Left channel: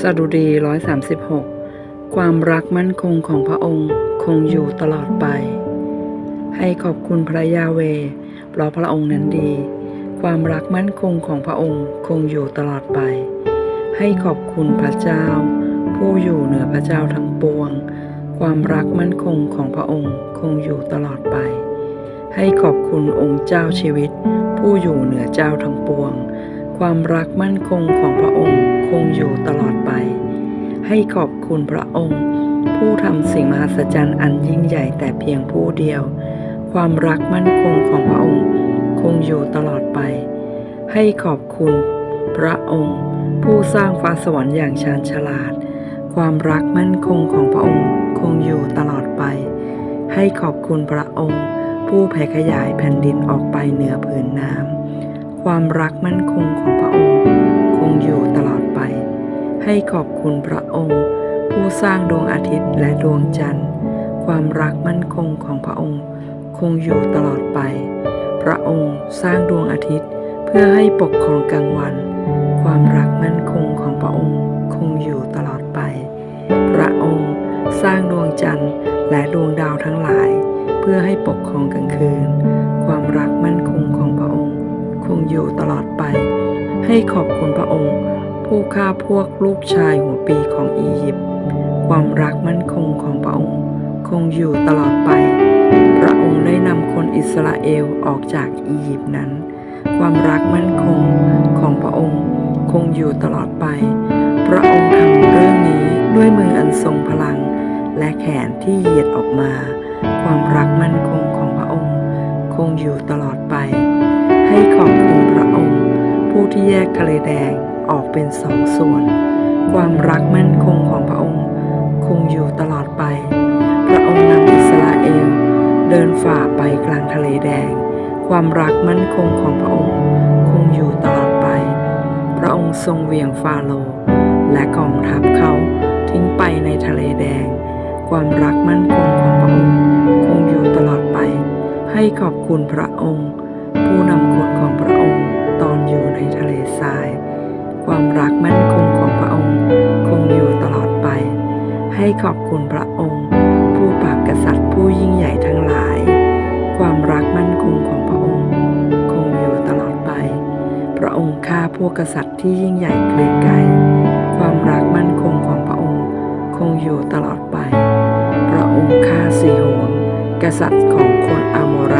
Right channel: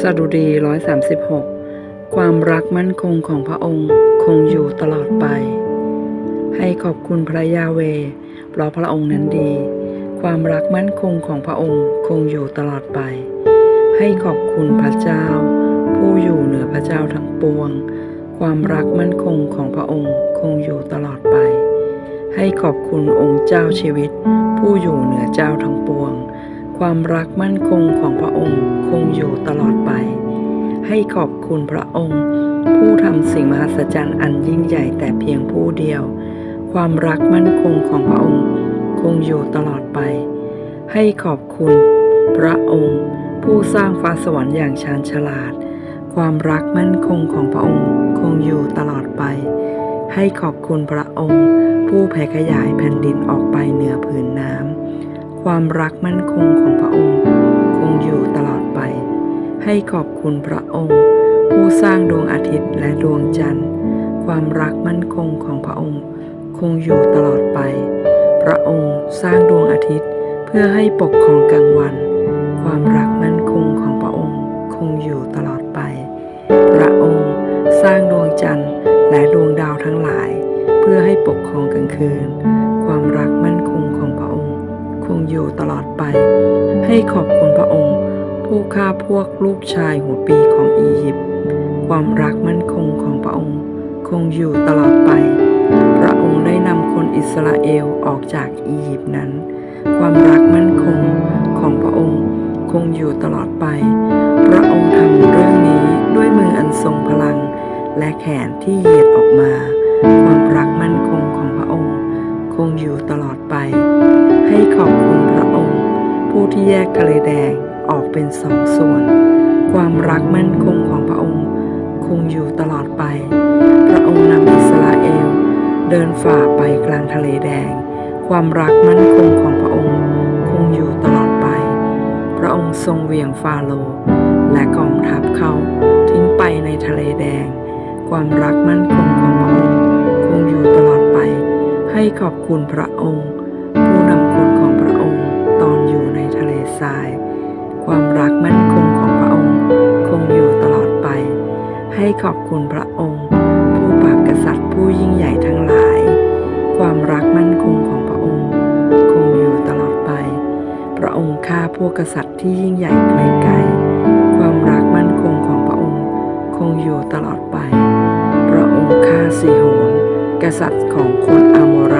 สดุดี136ความรักมั่นคงของพระองค์คงอยู่ตลอดไป ให้ขอบคุณพระยาเวห์เพราะพระองค์นั้นดี ความรักมั่นคงของพระองค์คงอยู่ตลอดไป ให้ขอบคุณพระเจ้า ผู้อยู่เหนือพระเจ้าทั้งปวง ความรักมั่นคงของพระองค์คงอยู่ตลอดไป ให้ขอบคุณองค์เจ้าชีวิต ผู้อยู่เหนือเจ้าทั้งปวง ความรักมั่นคงของพระองค์คงอยู่ตลอดไป ให้ขอบคุณพระองค์ ผู้ทำสิ่งมหัศจรรย์อันยิ่งใหญ่แต่เพียงผู้เดียว ความรักมั่นคงของพระองค์ คงอยู่ตลอดไป ให้ขอบคุณพระองค์ ผู้สร้างฟ้าสวรรค์อย่างชาญฉลาด ความรักมั่นคงของพระองค์ คงอยู่ตลอดไป ให้ขอบคุณพระองค์ ผู้แผ่ขยายแผ่นดินออกไปเหนือผืนน้ำ ความรักมั่นคงของพระองค์ คงอยู่ตลอดไป ให้ขอบคุณพระองค์ ผู้สร้างดวงอาทิตย์และดวงจันทร์ ความรักมั่นคงของพระองค์ คงอยู่ตลอดไป พระองค์สร้างดวงอาทิตย์ เพื่อให้ปกครองกลางวัน ความรักมั่นคงของพระองค์ คงอยู่ตลอดไป พระองค์สร้างดวงจันทร์และดวงดาวทั้งหลาย เพื่อให้ปกครองกลางคืน ความรักมั่นคงของพระองค์ คงอยู่ตลอดไป ให้ขอบคุณพระองค์ ผู้ฆ่าพวกลูกชายหัวปีของอียิปต์ความรักมั่นคงของพระองค์ คงอยู่ตลอดไป พระองค์ได้นำคนอิสราเอลออกจากอียิปต์นั้น ความรักมั่นคงของพระองค์คงอยู่ตลอดไป พระองค์ทำเรื่องนี้ด้วยมืออันทรงพลัง และแขนที่เหยียดออกมา ความรักมั่นคงของพระองค์ คงอยู่ตลอดไป ให้ขอบคุณพระองค์ ผู้ที่แยกทะเลแดงออกเป็นสองส่วน ความรักมั่นคงของพระองค์ คงอยู่ตลอดไป พระองค์นำอิสราเอล เดินฝ่าไปกลางทะเลแดง ความรักมั่นคงของพระองค์ คงอยู่ตลอดไป พระองค์ทรงเหวี่ยงฟาโรและกองทัพเขาทิ้งไปในทะเลแดง ความรักมั่นคงของพระองค์ คงอยู่ตลอดไป ให้ขอบคุณพระองค์ ในทะเลทราย ความรักมั่นคงของพระองค์ คงอยู่ตลอดไป ให้ขอบคุณพระองค์ ผู้ปราบกษัตริย์ผู้ยิ่งใหญ่ทั้งหลาย ความรักมั่นคงของพระองค์ คงอยู่ตลอดไป พระองค์ฆ่าพวกกษัตริย์ที่ยิ่งใหญ่เกรงไกรความรักมั่นคงของพระองค์ คงอยู่ตลอดไป พระองค์ฆ่าสีโหนกษัตริย์ของคนอาโมไร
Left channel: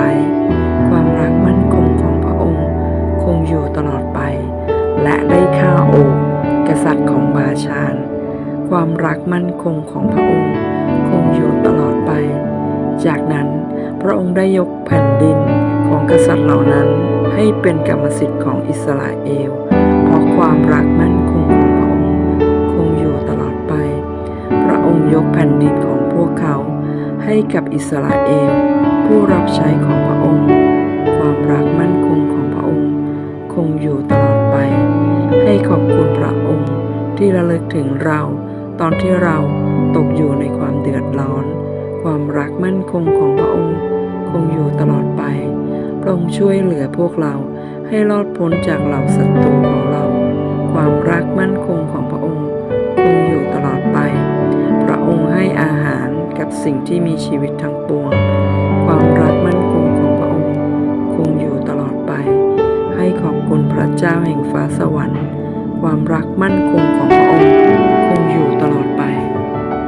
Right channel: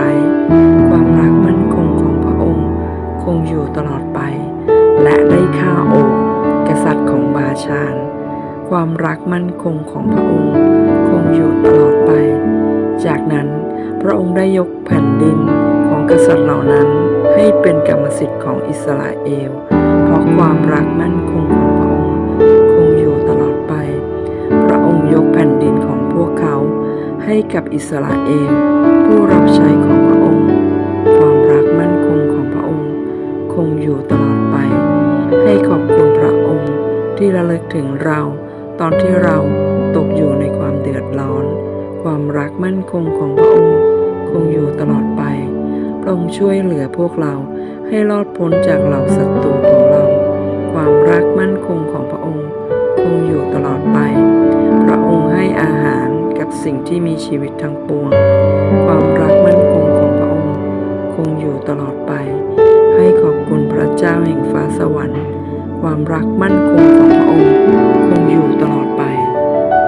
ความรักมั่นคงของ ตลอดไป และได้ฆ่าโอกกษัตริย์ของบาชาน ความรักมั่นคงของพระองค์ คงอยู่ตลอดไป จากนั้นพระองค์ได้ยกแผ่นดินของกษัตริย์เหล่านั้นให้เป็นกรรมสิทธิ์ของอิสราเอล เพราะความรักมั่นคงของพระองค์ คงอยู่ตลอดไป พระองค์ยกแผ่นดินของพวกเขาให้กับอิสราเอล ผู้รับใช้ของพระองค์ งอยู่ตลอดไป ให้ขอบคุณพระองค์ที่ระลึกถึงเรา ตอนที่เราตกอยู่ในความเดือดร้อน ความรักมั่นคงของพระองค์ คงอยู่ตลอดไป พระองค์ช่วยเหลือพวกเราให้รอดพ้นจากเหล่าศัตรูของเรา ความรักมั่นคงของพระองค์ คงอยู่ตลอดไป พระองค์ให้อาหารกับสิ่งที่มีชีวิตทั้งปวง ความรักมั่นคงของพระองค์ คงอยู่ตลอดไป ให้ขอบคุณพระเจ้าแห่งฟ้าสวรรค์ ความรักมั่นคงของพระองค์ คงอยู่ตลอดไป